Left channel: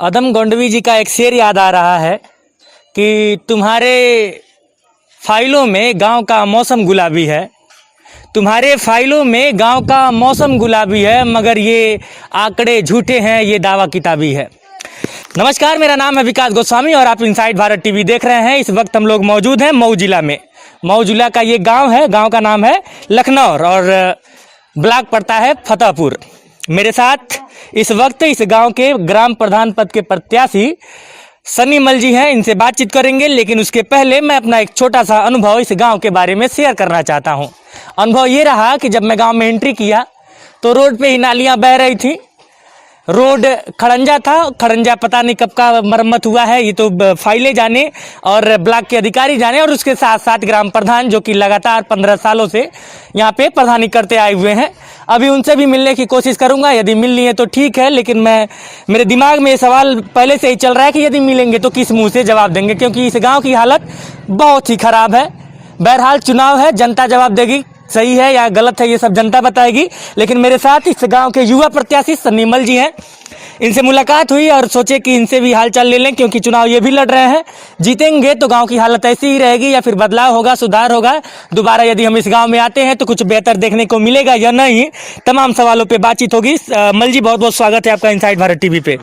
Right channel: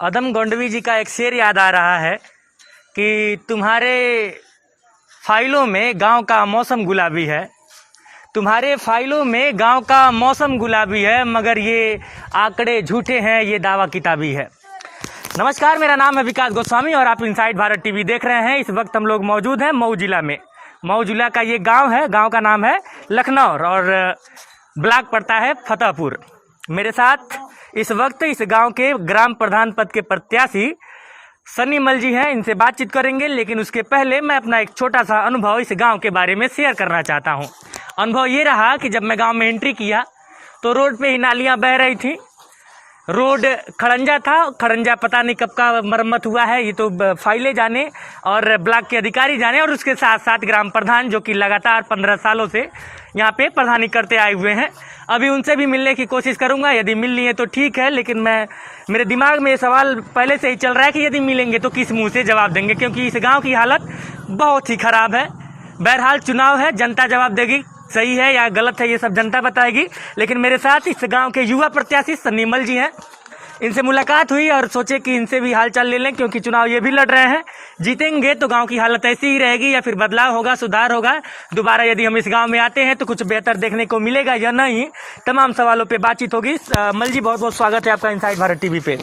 अदम गोंडवी जी का एक शेर याद आ रहा है कि तुम्हारे फाइलों में गांव का मौसम गुलाबी है। तुम्हारे फाइलों में गांव का मौसम गुलाबी है, मगर ये आंकड़े झूठे हैं, ये दावा किताबी है। नमस्कार, मेरा नाम है विकास गोस्वामी और आप इनसाइड भारत टीवी देख रहे हैं। इस वक्त हम लोग मौजूद हैं मऊ जिला में। मऊ जिला का ये गांव है, गांव का नाम है लखनौर और ब्लॉक पड़ता है फतेहपुर। मेरे साथ इस वक्त इस गांव के ग्राम प्रधान पद के प्रत्याशी सनी मल जी हैं। इनसे बातचीत करेंगे, लेकिन उसके पहले मैं अपना एक छोटा सा अनुभव इस गांव के बारे में शेयर करना चाहता हूं। अनुभव ये रहा कि जब मैं गांव में एंट्री किया तो रोड पे ही नालियां बह रही थी। रोड खड़ंजा था, खड़ंजा पता नहीं कब का मरम्मत हुआ है, ये तो फाइलें जाने और ब्लॉक के अधिकारी जाने, और उसके साथ साथ ग्राम प्रधान जो कि लगातार 15 सालों से यहाँ पे प्रधानी करते आए हुए हैं। अभी उनसे भी मिलने की कोशिश करूंगा, यदि मिल लिए तो ठीक है, लेकिन मेरे दिमाग में ये सवाल पहले से ही चल रहा है कि यदि मिलेंगे तो किस मुंह से जवाब देंगे, क्योंकि इस गाँव की हालत बहुत ही खराब है। बहरहाल चुनाव है, जनता जवाब देगी, सही है या गलत है ये सब जनता बताएगी। लेकिन मेरे साथ इस गांव के युवा प्रत्याशी सनी मल जी हैं। इनसे मुलाकात हुई और सोचे कि इनसे भी हालचाल ले लें, क्योंकि चुनाव ये भी लड़ रहे हैं। जीतेंगे तो गांव की हालत ऐसी ही रहेगी या फिर बदलाव होगा, सुधार होगा। दोबारा यदि हम इस गांव में आते हैं तो कुछ बेहतर देखने को मिलेगा या नहीं, तमाम सवालों पे बातचीत होगी। मल जी, बहुत बहुत स्वागत है आपका इनसाइड भारत टीवी पे।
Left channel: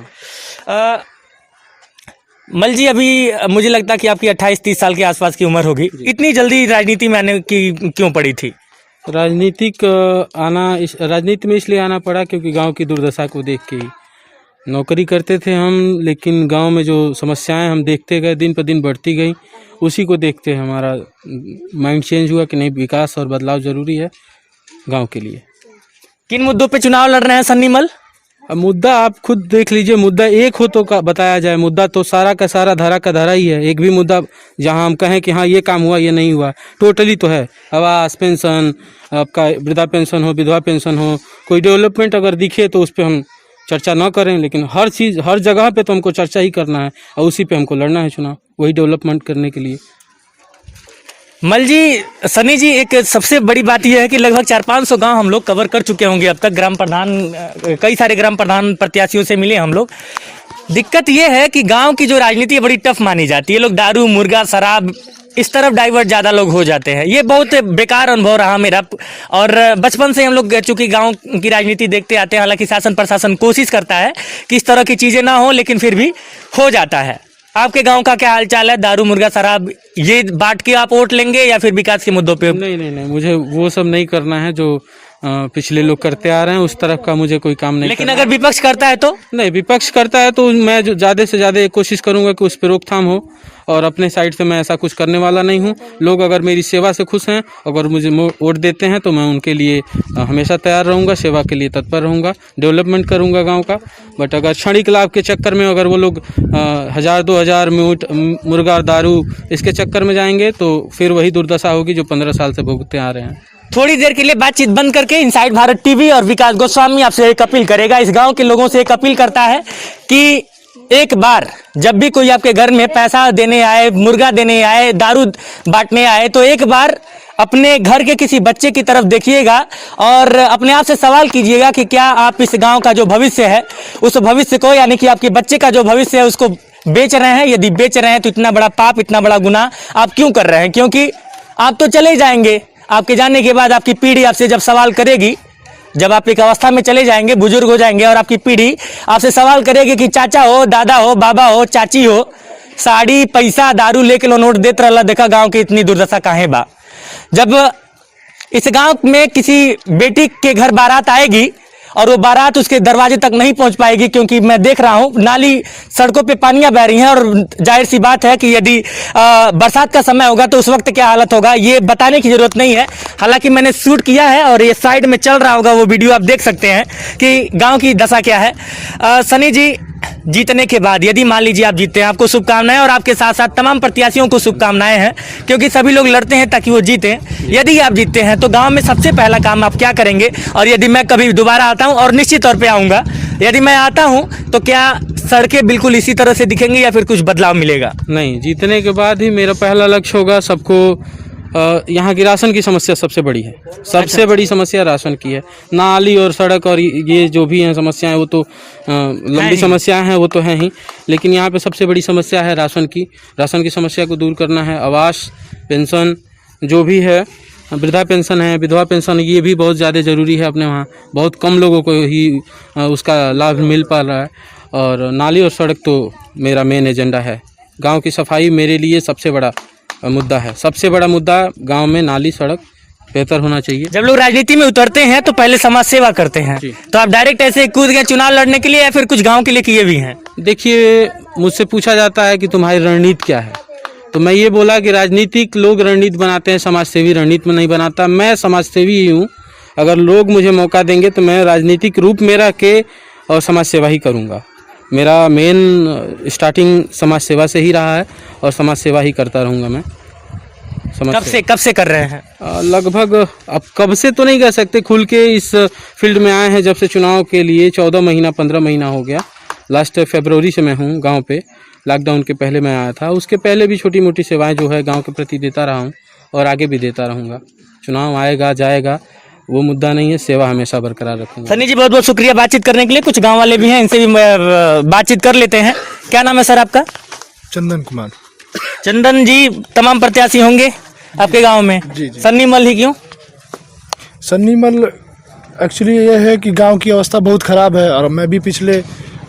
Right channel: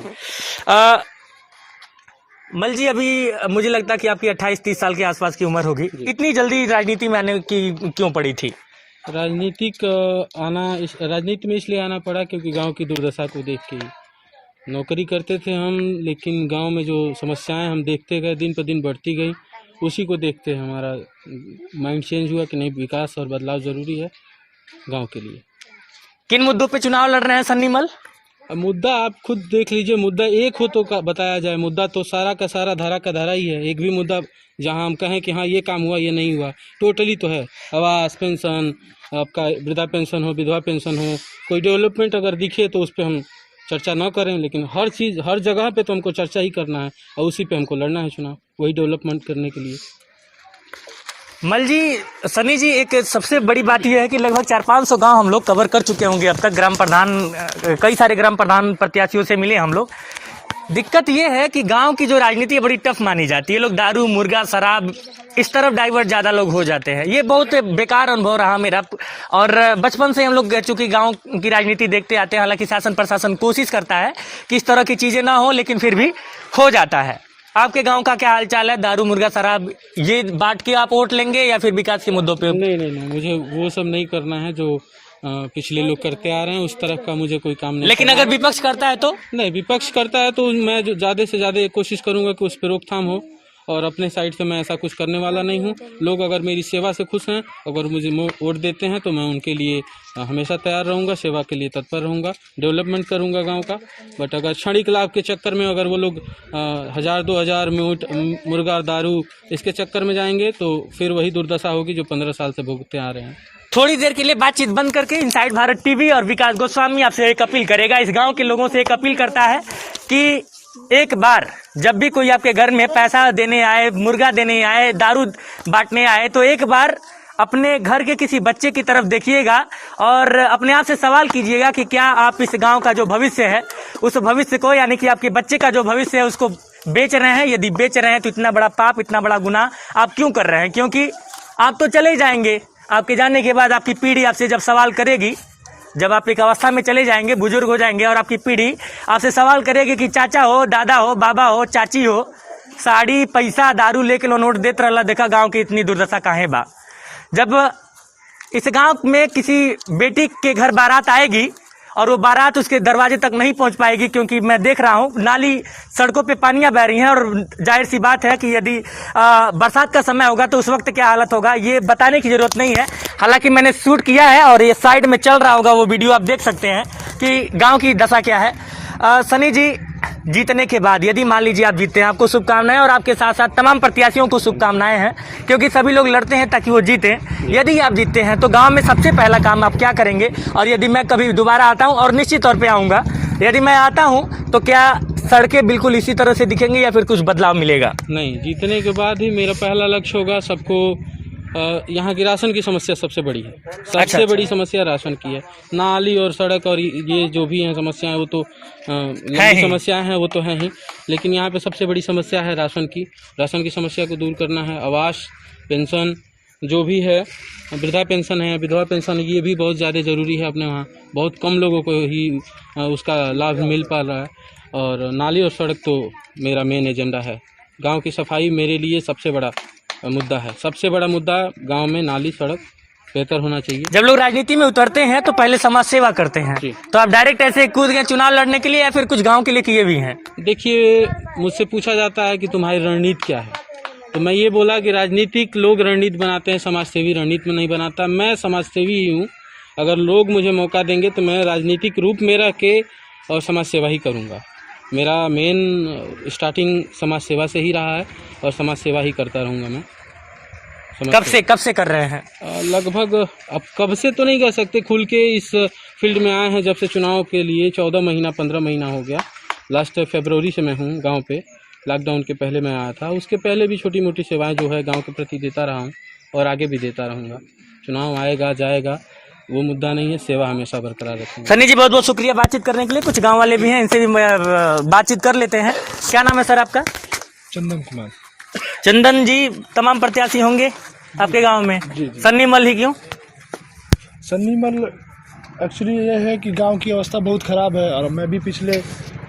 मल जी, अभी मुझे लगता है कि आपकी 28-30 साल के आसपास की उम्र होगी। इतनी जल्दी राजनीति में आने की क्यों पड़ी थी? राजनीति में इसलिए आना पड़ा क्योंकि गांव की दुर्दशा को देख के ही। नौकरी करते थे हम, लेकिन गांव में जो समस्याएं हम देखते गए, दिन पर दिन बढ़ती गई, उसी को देखते हमारा माइंड चेंज हुआ कि नहीं, विकास और बदलाव जरूरी है गांव के लिए। किन मुद्दों पे चुनाव लड़ रहे हैं सन्नी मल? अब मुद्दा आप खुद देख लीजिए, मुद्दा एक हो तो बताया जाए। मुद्दा तो सारा का सारा धरा का धरा ही है। एक भी मुद्दा जहां हम कहें कि हाँ ये काम हुआ ये नहीं हुआ, टोटली तो है। आवास, पेंशन, आपका वृद्धा पेंशन हो, विधवा पेंशन हो, कोई डेवलपमेंट अगर दिखे तो उस पर हम चर्चा न करें, लेकिन हर चीज़ हर जगह पे तो हमको चर्चा ही करना है और उसी पे हमको लड़ना है चुनाव, वही डेवलपमेंट करने के लिए। मल जी, सनी जी, एक सबसे बड़ी बात यह है कि लगभग 400-500 गांव हम लोग कवर कर चुके होंगे अब तक। ग्राम प्रधान, कई सारे ग्राम प्रधान प्रत्याशियों से मिले हम लोग। दिक्कत यह है कि गांव की जो राजनीति है बड़ी टफ मानी जाती है। लोग दारू, मुर्गा, शराब इस तरफ डाइवर्ट ज़्यादा लोग हो जाते हैं। ये बहुत बेकार अनुभव रहा मेरा। और बचपन से हम लोग चूँकि गांव की राजनीति देखते आते हैं, हालांकि शासन प्रशासन कोशिश करता है कि इस तरह की चीज़ें ना हो, लेकिन फिर भी हो जाता है। आपके गांव का क्या हालचाल है? दारू, मुर्गा, शराब ये बांट के आप वोट लेंगे या फिर विकास के मुद्दों पे? नहीं, मुझे वो सब नहीं करना है जो पिछले लोग करते आ रहे हैं, उस तरफ का मुझे कोई काम नहीं। लेकिन अगर विपक्ष करता है तो? नहीं, विपक्ष करता है तो मैं जो ज़्यादा से ज़्यादा कोशिश करूंगा कि उस पर रोकथाम हो, और अपने साइड से मैं ऐसा कुछ करने वाला नहीं हूं। लोग अगर मेरी सेवा से खुश हैं, अगर मुझे वोट देते हैं तो मैं उनके लिए हमेशा तैयार रहूंगा, सेवा के लिए तत्पर रहूंगा, डेवलपमेंट करूंगा गांव का। बट अगर क्षणिक लाभ के चक्कर में अगर वो लोग 1000-2000 मीट मुर्गा, दारू इसके चक्कर में जाएंगे तो फिर वही दुर्दशा होगी जो 15 साल से भुगतते आ रहे हैं। थोड़ी देर के लिए बातचीत बंद करके इनसाइड भारत टीवी और विकास गोस्वामी आपसे एक अपील करेगा, इस गाँव के लोगों से एक अपील करता है कि एक बार जब भी कोई आपके घर में पैसा देने आए, मुर्गा देने आए, दारू बांटने आए, तो एक बार अपने घर के किसी बच्चे की तरफ देखिएगा और अपने आप से सवाल कीजिएगा कि क्या आप इस गांव का जो भविष्य है, उस भविष्य को, यानी कि आपके बच्चे का जो भविष्य है, उसको बेच रहे हैं। यदि बेच रहे हैं तो इतना बड़ा पाप, इतना बड़ा गुनाह आप क्यों कर रहे हैं? क्योंकि आप तो चले जाएंगे, आपके जाने के बाद आपकी पीढ़ी आपसे जब सवाल करेगी, जब आप एक अवस्था में चले जाएंगे, बुजुर्ग हो जाएंगे, और आपकी पीढ़ी आपसे सवाल करेगी कि चाचा हो, दादा हो, बाबा हो, चाची हो, साड़ी, पैसा, दारू लेके लो नोट देते रहा, देखा गांव की इतनी दुर्दशा काहे बा। जब इस गांव में किसी बेटी के घर बारात आएगी और वो बारात उसके दरवाजे तक नहीं पहुंच पाएगी, क्योंकि मैं देख रहा हूं नाली, सड़कों पे पानियां बह रही हैं, और जाहिर सी बात है कि यदि बरसात का समय होगा तो उस वक्त क्या हालत होगा ये बताने की जरूरत नहीं है। हालांकि मैंने शूट किया है और ये साइड में चल रहा होगा वो वीडियो, आप देख सकते हैं कि गांव की दशा क्या है। सनी जी, जीतने के बाद यदि मान लीजिए आप जीतते हैं, आपको शुभकामनाएं, और आपके साथ साथ तमाम प्रत्याशियों को शुभकामनाएं हैं, क्योंकि सभी लोग लड़ते हैं ताकि वो जीतें। यदि आप जीतते हैं तो गांव में सबसे पहला काम आप क्या करेंगे? और यदि मैं कभी दोबारा आता हूं, और निश्चित तौर पे आऊंगा, यदि मैं आता हूं तो क्या सड़कें बिल्कुल इसी तरह से दिखेंगी या फिर कुछ बदलाव मिलेगा? नहीं, जीतने के बाद ही मेरा पहला लक्ष्य होगा सबको यहाँ की राशन की समस्या सबसे बड़ी है। सबसे बड़ी समस्या राशन की है। नाली और सड़क और ये जो भी हैं समस्याएं वो तो लंबी समस्याएं हैं, वो तो हैं ही, लेकिन यहाँ पे सबसे बड़ी समस्या है राशन की। राशन की समस्या को दूर करना है। आवास, पेंशन जो भी है, वृद्धा पेंशन है, विधवा पेंशन, ये भी बहुत ज़्यादा ज़रूरी है। अपने वहाँ बहुत कम लोगों को ही उसका लाभ मिल पा रहा है। और नाली और सड़क तो मेरा मेन एजेंडा है। गांव की सफाई मेरे लिए सबसे बड़ा मुद्दा है। सबसे बड़ा मुद्दा गांव में नाली सड़क बेहतर होना चाहिए। जब लोग राजनीति में उतरते हैं तो पहले समाज सेवा करते हैं, तो आप डायरेक्ट ऐसे कूद गए चुनाव लड़ने के लिए या फिर कुछ गांव के लिए किए भी हैं? देखिए, मुझसे पूछा जाता है कि तुम्हारी रणनीति क्या है, तो मैं ये बोला कि राजनीतिक लोग रणनीति बनाते हैं, समाज सेवी रणनीति में नहीं बनाता। मैं समाज सेवी ही हूँ। अगर लोग मुझे मौका देंगे तो मैं राजनीतिक रूप में रह के और समाज सेवा ही करूँगा। मेरा मेन स्टार्टिंग समाज सेवा से ही रहा है और समाज सेवा ही करता रहूँगा मैं। कब से कर रहे हैं? लगभग अब कब से तो नहीं कह सकते, खुल के इस फील्ड में आए हैं जब से चुनाव के लिए 14 महीना 15 महीना हो गया। लास्ट फरवरी से मैं हूँ गांव पे। लॉकडाउन के पहले मैं आया था, उसके पहले भी छोटी मोटी सेवाएं जो है गांव के प्रति देता रहा हूँ और आगे भी देता रहूँगा। चुनाव आएगा जाएगा वो मुद्दा नहीं है, सेवा हमेशा बरकरार रखूँगा। सन्नी जी बहुत बहुत शुक्रिया बातचीत करने के लिए। कुछ गाँव वाले भी हैं, इनसे भी बातचीत कर लेते हैं। क्या नाम है सर आपका? चंदन कुमार। चंदन जी, तमाम प्रत्याशी होंगे आपके गांव में, सन्नी मल ही क्यों? सन्नी मल एक्चुअली ये है कि गांव की अवस्था बहुत ख़राब है और मैं भी पिछले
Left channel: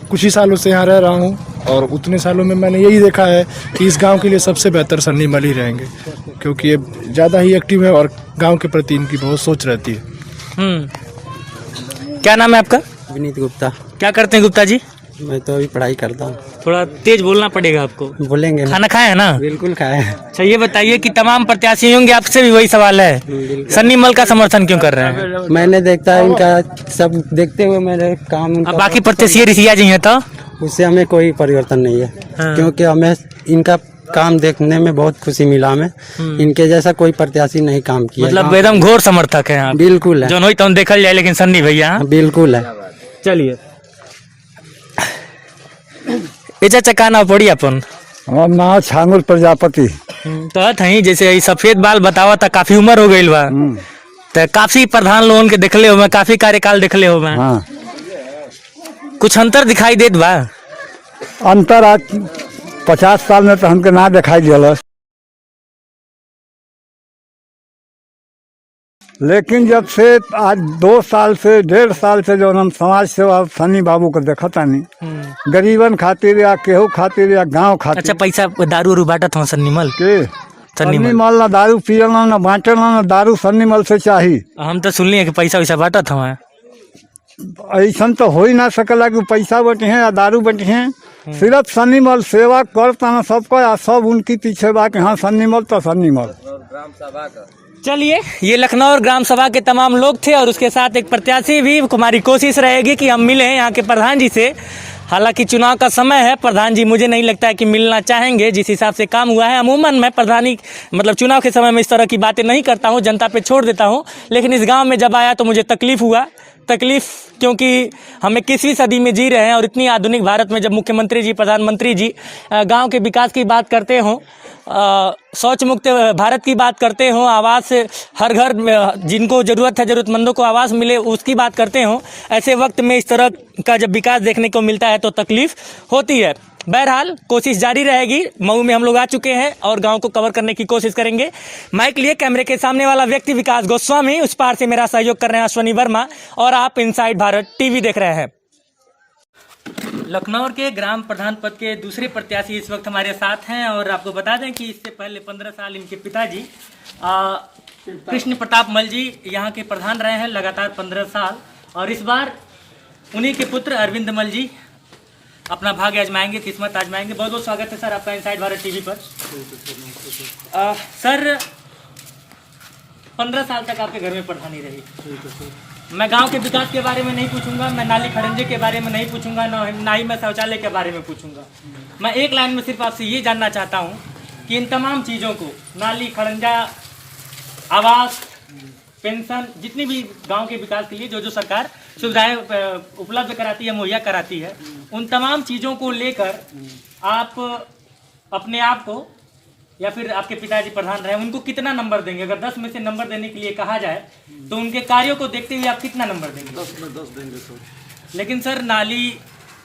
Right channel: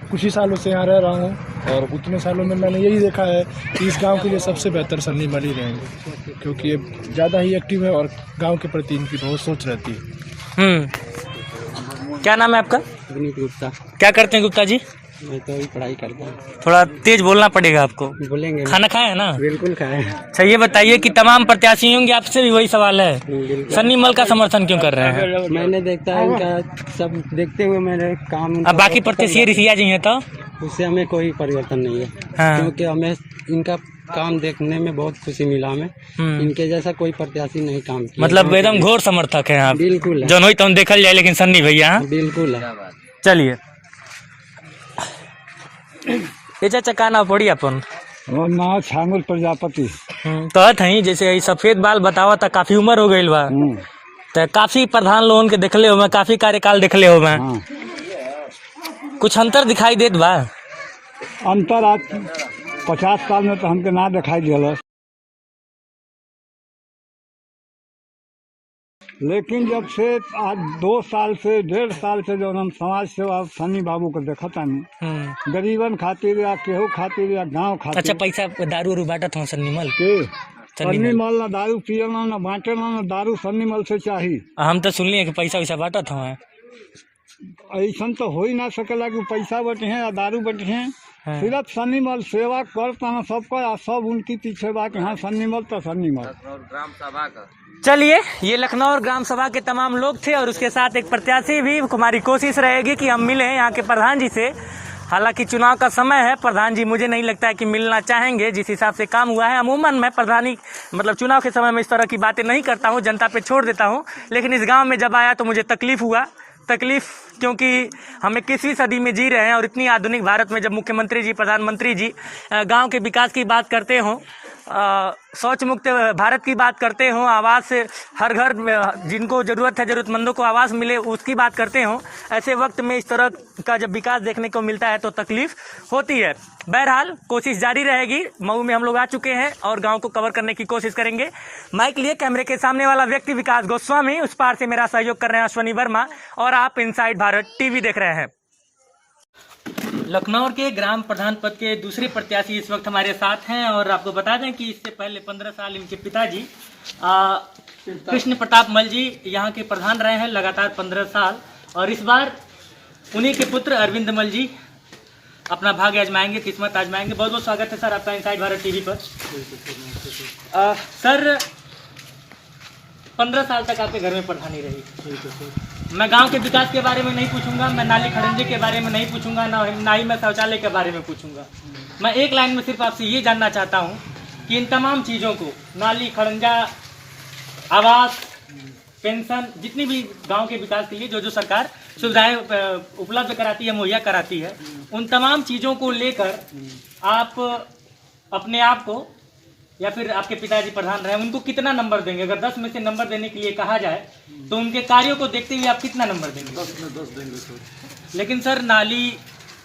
कुछ ही सालों से यहाँ रह रहा हूँ और उतने सालों में मैंने यही देखा है कि इस गांव के लिए सबसे बेहतर सन्नी मल ही रहेंगे, क्योंकि ये ज़्यादा ही एक्टिव है और गांव के प्रति इनकी बहुत सोच रहती है। क्या नाम है आपका? विनीत गुप्ता। क्या करते हैं गुप्ता जी? मैं तो अभी पढ़ाई करता हूँ। थोड़ा तेज बोलना पड़ेगा आपको। बोलेंगे ना? खाना खाए है ना? बिल्कुल खाए। अच्छा ये बताइए कि तमाम प्रत्याशी होंगे, आपसे भी वही सवाल है, सन्नी मल का समर्थन क्यों कर रहे हैं? मैंने देखता है इनका सब देखते हुए मेरे काम। अब बाकी प्रत्याशी रिसिया जी हैं तो उससे हमें कोई परिवर्तन नहीं है। हाँ। क्योंकि हमें इनका काम देखने में बहुत खुशी मिला। हमें इनके जैसा कोई प्रत्याशी नहीं काम किया। मतलब एकदम घोर समर्थक है आप? बिल्कुल है। जो नहीं तो देखल जाए, लेकिन सन्नी भैया बिल्कुल है। चलिए चाचा का नाम पड़ी अपन? हमार नाम छांगुल प्रजापति। कहत हई जैसे ई सफेद बाल बतावा था, काफी उम्र हो गई बा, तो काफी प्रधान लोगन के देखले हो, मैं काफी कार्यकाल देखले हो मैं। हाँ। कुछ अंतर दिखाई देत बा? अंतर आज 50 साल में तो हमके ना दिखाई दिया, लेकिन जब से आज 2 साल से 1.5 साल से जो हम समाज सेवा सन्नी बाबू को देखा तानी, गरीबन खातिर या केहू खातिर या गांव खातिर। अच्छा पैसा दारू उरू बांटत हो सन्नी मल के सन्नी मल ना दारू पियला ना बांटला ना दारू सन्नी मल से चाहिए। हम तो सुनली कि पैसा वैसा बांटत हमें। ऐसा तो हो ही ना सकला कि पैसा बटे हैं या दारू बटे हैं। सिर्फ सन्नी मल सेवा करता ना सबको, या सब उनकी पीछे बा कि हाँ सन्नी मल तो सन्नी मल। चलिए, ये लखनऊ ग्राम सभा के तमाम लोग थे और उसके साथ एक प्रत्याशी भी। हमारी कोशिश रहेगी कि हम मिलें यहाँ के प्रधान जी से। हालांकि चुनाव का समय है, प्रधान जी मुझे नहीं लगता है कि मिलना चाहेंगे, जिस हिसाब से काम हुआ है। अमूमन मैं प्रधानी मतलब चुनाव के समय में इस तरह की बातें नहीं करता हूँ, जनता पे छोड़ देता हूँ। लेकिन इस गाँव में जब आया तो मुझे तकलीफ हुआ। क्योंकि हम 21वीं सदी में जी रहे हैं और इतनी आधुनिक भारत में जब मुख्यमंत्री जी, प्रधानमंत्री जी गांव के विकास की बात करते हों, शौच मुक्त भारत की बात करते हों, आवास हर घर जिनको ज़रूरत है, ज़रूरतमंदों को आवास मिले उसकी बात करते हों, ऐसे वक्त में इस तरह का जब विकास देखने को मिलता है तो तकलीफ होती है। बहरहाल कोशिश जारी रहेगी। मऊ में हम लोग आ चुके हैं और गांव को कवर करने की कोशिश करेंगे। माइक लिए कैमरे के सामने वाला व्यक्ति विकास गोस्वामी, उस पार से मेरा सहयोग कर रहे हैं अश्वनी वर्मा और आप इनसाइड भारत टीवी देख रहे हैं। लखनऊ के ग्राम प्रधान पद के दूसरे प्रत्याशी इस वक्त हमारे साथ हैं और आपको बता दें कि इससे पहले 15 साल इनके पिताजी कृष्ण प्रताप मल जी यहाँ के प्रधान रहे हैं लगातार 15 साल, और इस बार उन्हीं के पुत्र अरविंद मल जी अपना भाग्य आजमाएंगे, किस्मत आजमाएंगे। बहुत बहुत स्वागत है सर आपका इनसाइड भारत टीवी पर। सर 15 साल तक आपके घर में प्रधानी रही। मैं गांव के विकास के बारे में नहीं पूछूंगा, मैं नाली खड़ंजे के बारे में नहीं पूछूंगा, ना ही मैं शौचालय के बारे में पूछूंगा। मैं एक लाइन में सिर्फ आपसे ये जानना चाहता हूँ कि इन तमाम चीज़ों को, नाली खड़ंजा, आवास, पेंशन, जितनी भी गांव के विकास के लिए जो जो सरकार सुविधाएं उपलब्ध कराती है, मुहैया कराती है, उन तमाम चीज़ों को लेकर आप अपने आप को या फिर आपके पिताजी प्रधान रहे, उनको कितना नंबर देंगे? अगर 10 में से नंबर देने के लिए कहा जाए तो उनके कार्यों को देखते हुए आप कितना नंबर देंगे? 10 में 10 देंगे सर। लेकिन सर नाली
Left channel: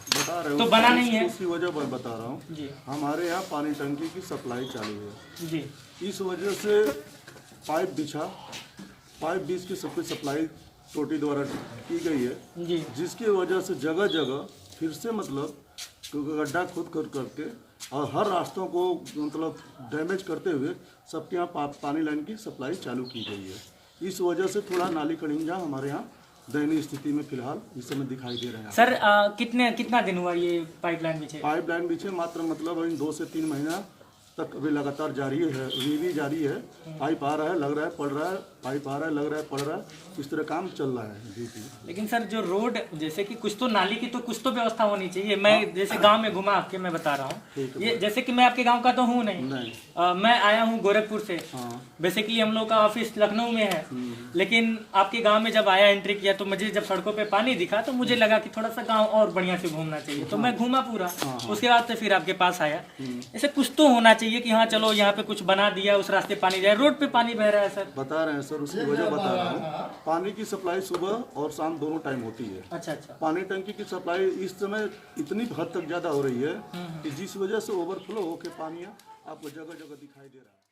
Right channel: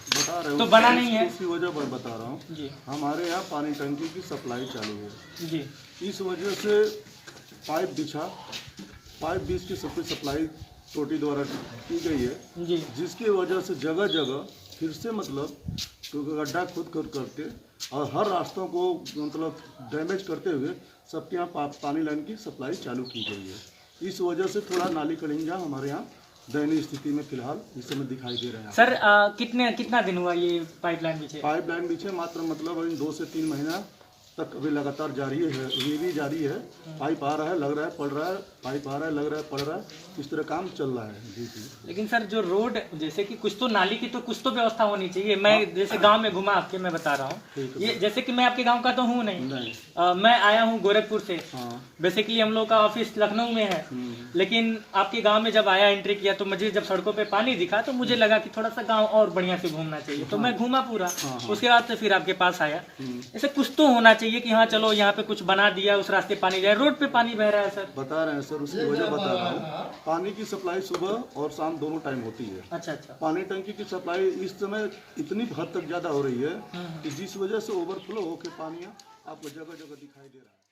बता रहे हो तो बना नहीं है। उसकी वजह मैं बता रहा हूँ जी हमारे यहाँ पानी टंकी की सप्लाई चालू है, जी इस वजह से पाइप बीच की सब कुछ सप्लाई टोटी द्वारा की गई है, जी जिसकी वजह से जगह जगह फिर से मतलब गड्ढा खुद करके और हर रास्तों को मतलब डैमेज करते हुए सबके यहाँ पानी लाइन की सप्लाई चालू की गई है। इस वजह से थोड़ा नाली कड़िंजा हमारे यहाँ दयनीय स्थिति में फिलहाल इस समय दिखाई दे रहे हैं। सर कितना दिन हुआ ये पाइपलाइन बिछे? पाइपलाइन पीछे मात्र मतलब अभी 2 से 3 महीना तक अभी लगातार जारी है, ये भी जारी है। पाइप आ रहा है, लग रहा है, पड़ रहा है, पाइप आ रहा है, लग रहा है, पड़ रहा है, इस तरह काम चल रहा है। जी जी। लेकिन सर जो रोड जैसे कि कुछ तो नाली की तो कुछ तो व्यवस्था होनी चाहिए। मैं जैसे गांव में घुमा आपके, मैं बता रहा हूँ ये, जैसे कि मैं आपके गांव का तो हूँ नहीं, मैं आया हूँ गोरखपुर से। बेसिकली हम लोग का ऑफिस लखनऊ में है, लेकिन आपके गांव में जब आया, एंट्री किया, तो मुझे जब सड़कों पे पानी दिखा तो मुझे लगा कि थोड़ा सा गांव और बढ़िया से घूमना चाहिए, तो मैं घूमा पूरा। उसके बाद से फिर आपके पास आया। ऐसे कुछ तो होना चाहिए कि हाँ चलो यहाँ पे कुछ बना दिया, उस रास्ते पानी जाए, रोड पे पानी बह रहा है। सर बता रहे हैं सर, उसकी वजह बता रहा हूँ। पानी की सप्लाई सुबह और शाम दोनों टाइम होती है। अच्छा। पानी टंकी की सप्लाई इस समय इतनी हद तक ज्यादा हो रही है कि जिस वजह से ओवरफ्लो होकर पानी आपको जगह जगह दिखाई दे रहा है।